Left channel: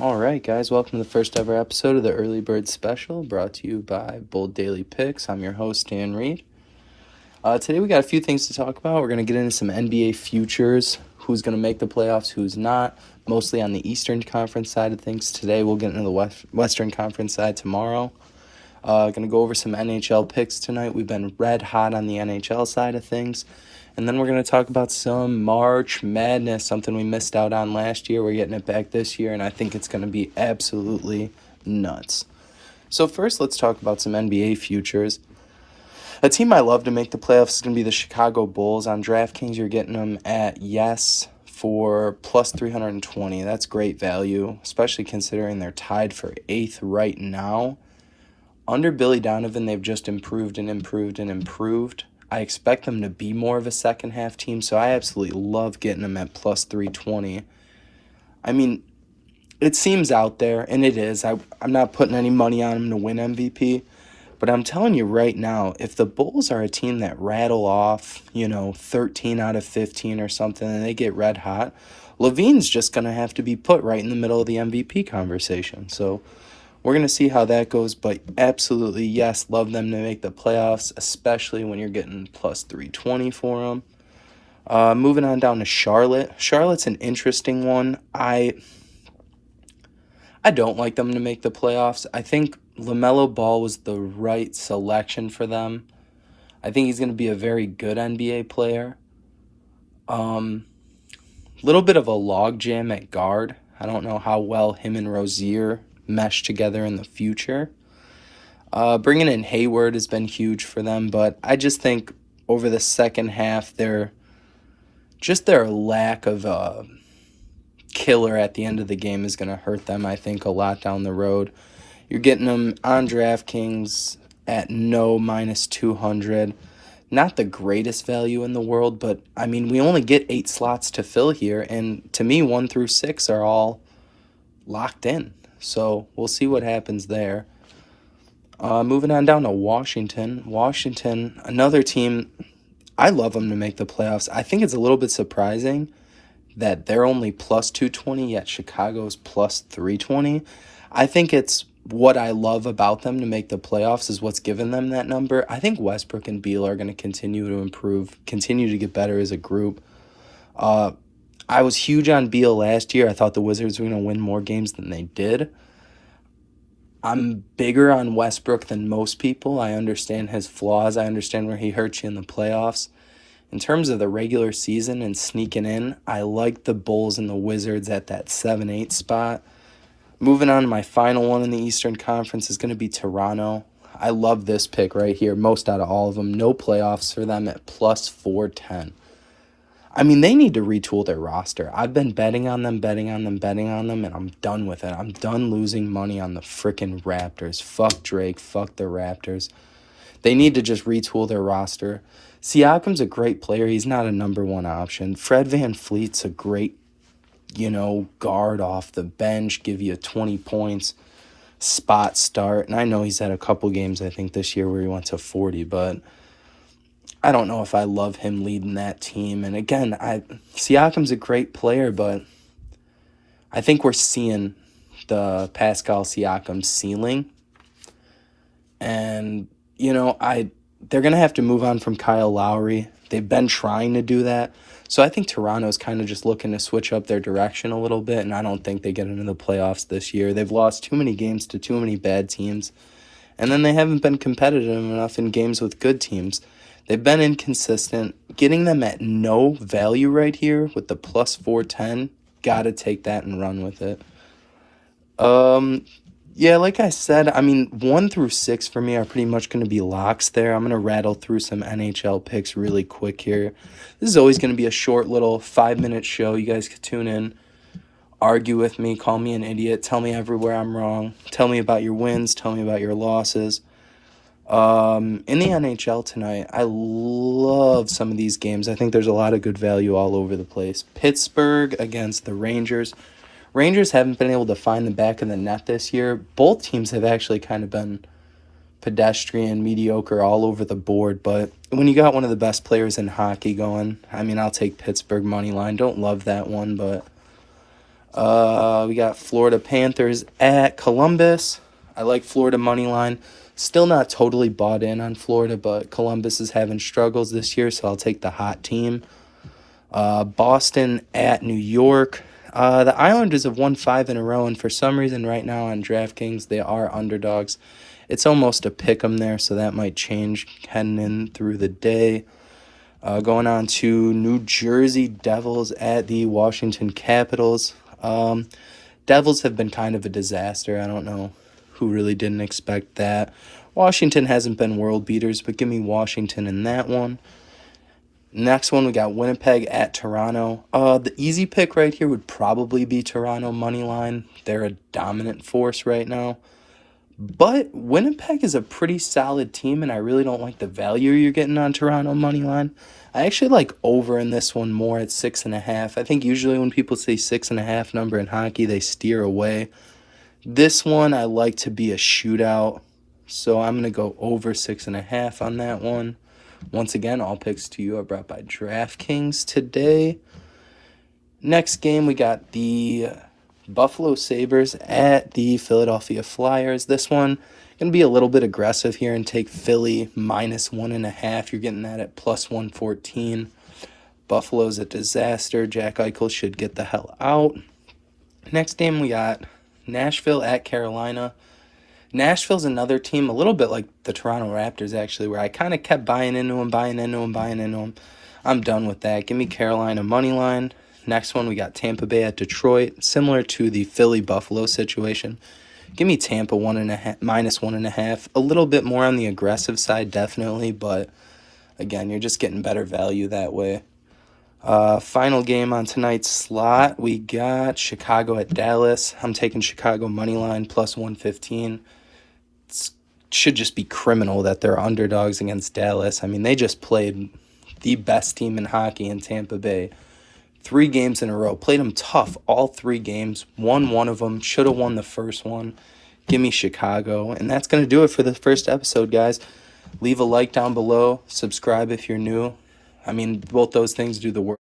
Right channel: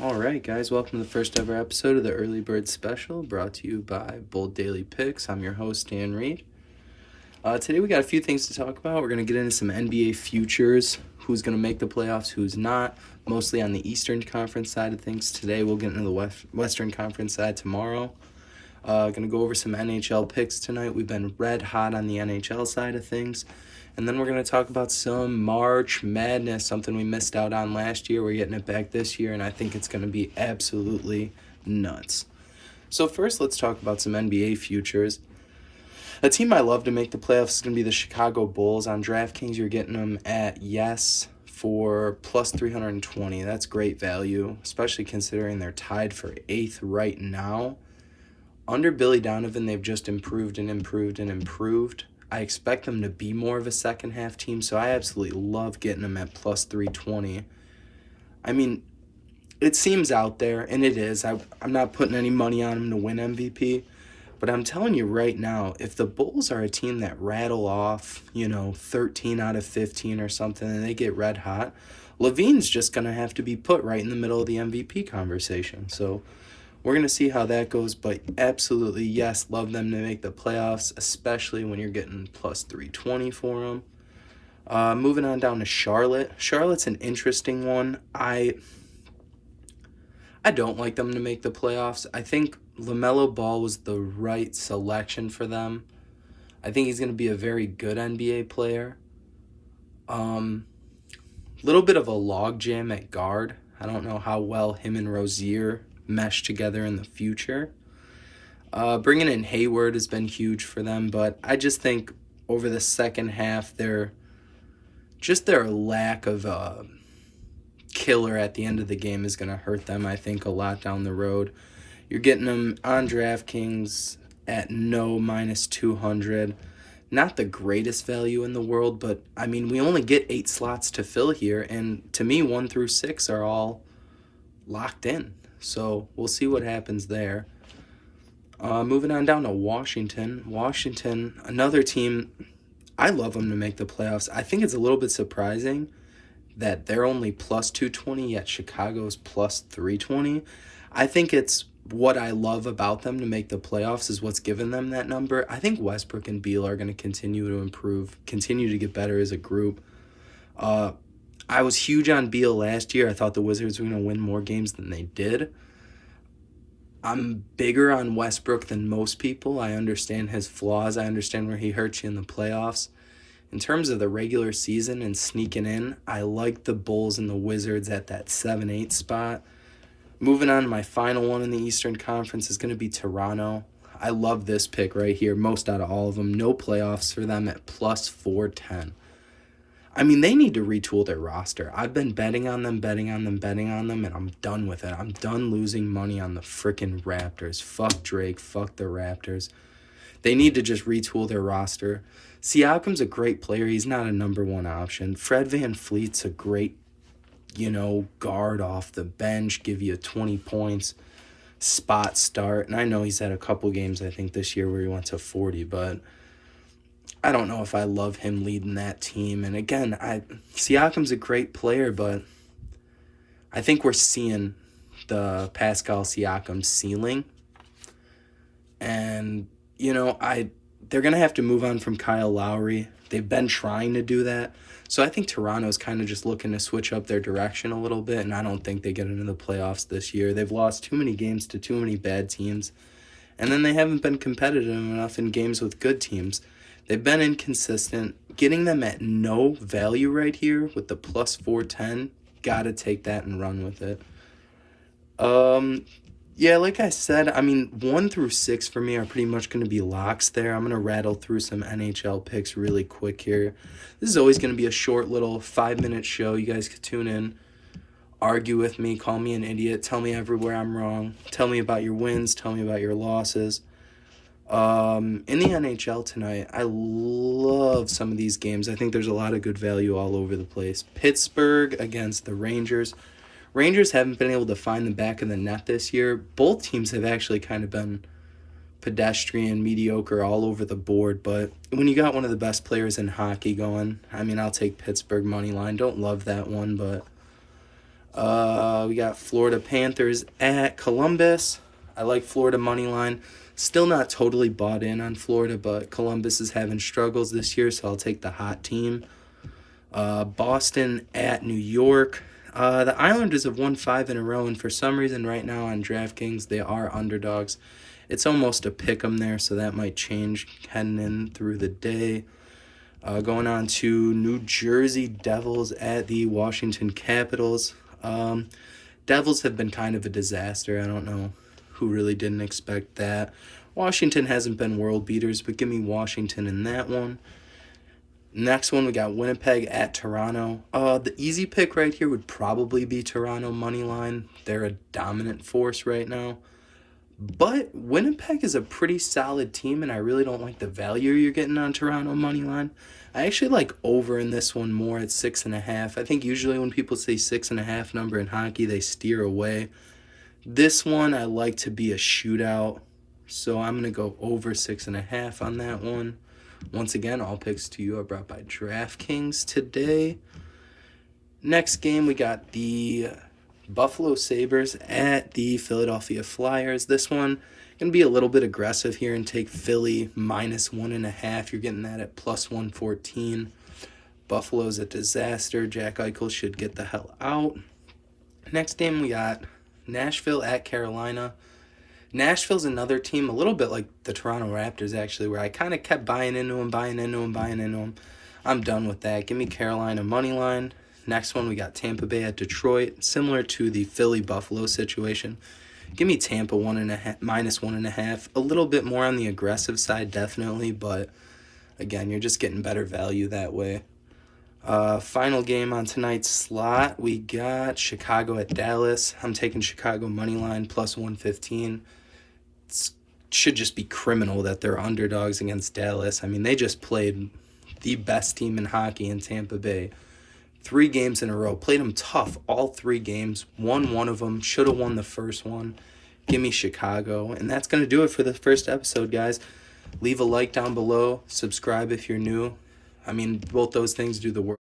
All right, guys, welcome to the first ever episode of the Early Bird Special, brought to you by Bold Daily Picks. I'm your host, Dan Reed. Today we got a few things to talk about. We're going to get into some NBA futures, who's going to make the playoffs, who's not, mostly on the Eastern Conference side of things. Today we'll get into the Western Conference side tomorrow. Going to go over some NHL picks tonight. We've been red hot on the NHL side of things. And then we're going to talk about some March Madness, something we missed out on last year. We're getting it back this year, and I think it's going to be absolutely nuts. So first, let's talk about some NBA futures. A team I love to make the playoffs is going to be the Chicago Bulls. On DraftKings, you're getting them at yes for plus 320. That's great value, especially considering they're tied for 8th right now. Under Billy Donovan, they've just improved and improved and improved. I expect them to be more of a second-half team, so I absolutely love getting them at plus 320. I mean, it seems out there, and it is. I'm not putting any money on them to win MVP, but I'm telling you right now, if the Bulls are a team that rattle off, 13 out of 15 or something, and they get red hot, LaVine's just going to have to be put right in the middle of the MVP conversation. So we're going to see how that goes, but absolutely, yes, love them to make the playoffs, especially when you're getting plus 320 for them. Moving on down to Charlotte. Charlotte's an interesting one. I don't like them to make the playoffs. I think LaMelo Ball was the right selection for them. I think he's going to be a very good NBA player. Little bit of a logjam at guard. I don't know how well him and Rozier mesh together in the future. Bringing in Hayward has been huge for them, but I just think over the second half, their lack of a killer at the end of the game is going to hurt them, I think, a lot down the road. You're getting them on DraftKings at no minus 200. Not the greatest value in the world, but, I mean, we only get 8 slots to fill here, and to me, 1 through 6 are all locked in. So we'll see what happens there. Moving on down to Washington. Washington, another team, I love them to make the playoffs. I think it's a little bit surprising that they're only plus 220, yet Chicago's plus 320. I think it's what I love about them to make the playoffs is what's given them that number. I think Westbrook and Beal are going to continue to improve, continue to get better as a group. I was huge on Beal last year. I thought the Wizards were going to win more games than they did. I'm bigger on Westbrook than most people. I understand his flaws. I understand where he hurts you in the playoffs. In terms of the regular season and sneaking in, I like the Bulls and the Wizards at that 7-8 spot. Moving on to my final one in the Eastern Conference is going to be Toronto. I love this pick right here, most out of all of them. No playoffs for them at plus 410. I mean, they need to retool their roster. I've been betting on them, and I'm done with it. I'm done losing money on the freaking Raptors. Fuck Drake, fuck the Raptors. They need to just retool their roster. Siakam's a great player. He's not a number one option. Fred VanVleet's a great, guard off the bench, give you 20 points, spot start. And I know he's had a couple games, I think, this year where he went to 40, but I don't know if I love him leading that team. And again, Siakam's a great player, but I think we're seeing the Pascal Siakam ceiling. And, they're going to have to move on from Kyle Lowry. They've been trying to do that. So I think Toronto's kind of just looking to switch up their direction a little bit, and I don't think they get into the playoffs this year. They've lost too many games to too many bad teams, and then they haven't been competitive enough in games with good teams. They've been inconsistent. Getting them at no value right here with the plus 410, got to take that and run with it. Yeah, like I said, 1 through 6 for me are pretty much going to be locks there. I'm going to rattle through some NHL picks really quick here. This is always going to be a short little 5-minute show. You guys could tune in, argue with me, call me an idiot, tell me everywhere I'm wrong, tell me about your wins, tell me about your losses. In the NHL tonight, I love some of these games. I think there's a lot of good value all over the place. Pittsburgh against the Rangers. Rangers haven't been able to find the back of the net this year. Both teams have actually kind of been pedestrian, mediocre all over the board. But when you got one of the best players in hockey going, I'll take Pittsburgh money line. Don't love that one, but We got Florida Panthers at Columbus. I like Florida money line. Still not totally bought in on Florida, but Columbus is having struggles this year, so I'll take the hot team. Boston at New York. The Islanders have won 5 in a row, and for some reason right now on DraftKings, they are underdogs. It's almost a pick 'em there, so that might change heading in through the day. Going on to New Jersey Devils at the Washington Capitals. Devils have been kind of a disaster. I don't know who really didn't expect that. Washington hasn't been world beaters, but give me Washington in that one. Next one, we got Winnipeg at Toronto. The easy pick right here would probably be Toronto money line. They're a dominant force right now. But Winnipeg is a pretty solid team, and I really don't like the value you're getting on Toronto money line. I actually like over in this one more at 6.5. I think usually when people say 6.5 number in hockey, they steer away. This one I like to be a shootout, so I'm going to go over 6.5 on that one. Once again, all picks to you are brought by DraftKings today. Next game, we got the Buffalo Sabres at the Philadelphia Flyers. This one going to be a little bit aggressive here and take Philly -1.5. You're getting that at +114. Buffalo's a disaster. Jack Eichel should get the hell out. Next game, we got Nashville at Carolina. Nashville's another team, a little bit like the Toronto Raptors, actually, where I kind of kept buying into them. I'm done with that. Give me Carolina money line. Next one, we got Tampa Bay at Detroit, similar to the Philly-Buffalo situation. Give me Tampa -1.5. A little bit more on the aggressive side, definitely, but again, you're just getting better value that way. Final game on tonight's slot, we got Chicago at Dallas. I'm taking Chicago money line +115. Should just be criminal that they're underdogs against Dallas. I mean, they just played the best team in hockey in Tampa Bay. 3 games in a row. Played them tough all 3 games. Won one of them. Should have won the first one. Give me Chicago. And that's going to do it for the first episode, guys. Leave a like down below. Subscribe if you're new. I mean, both those things do the work.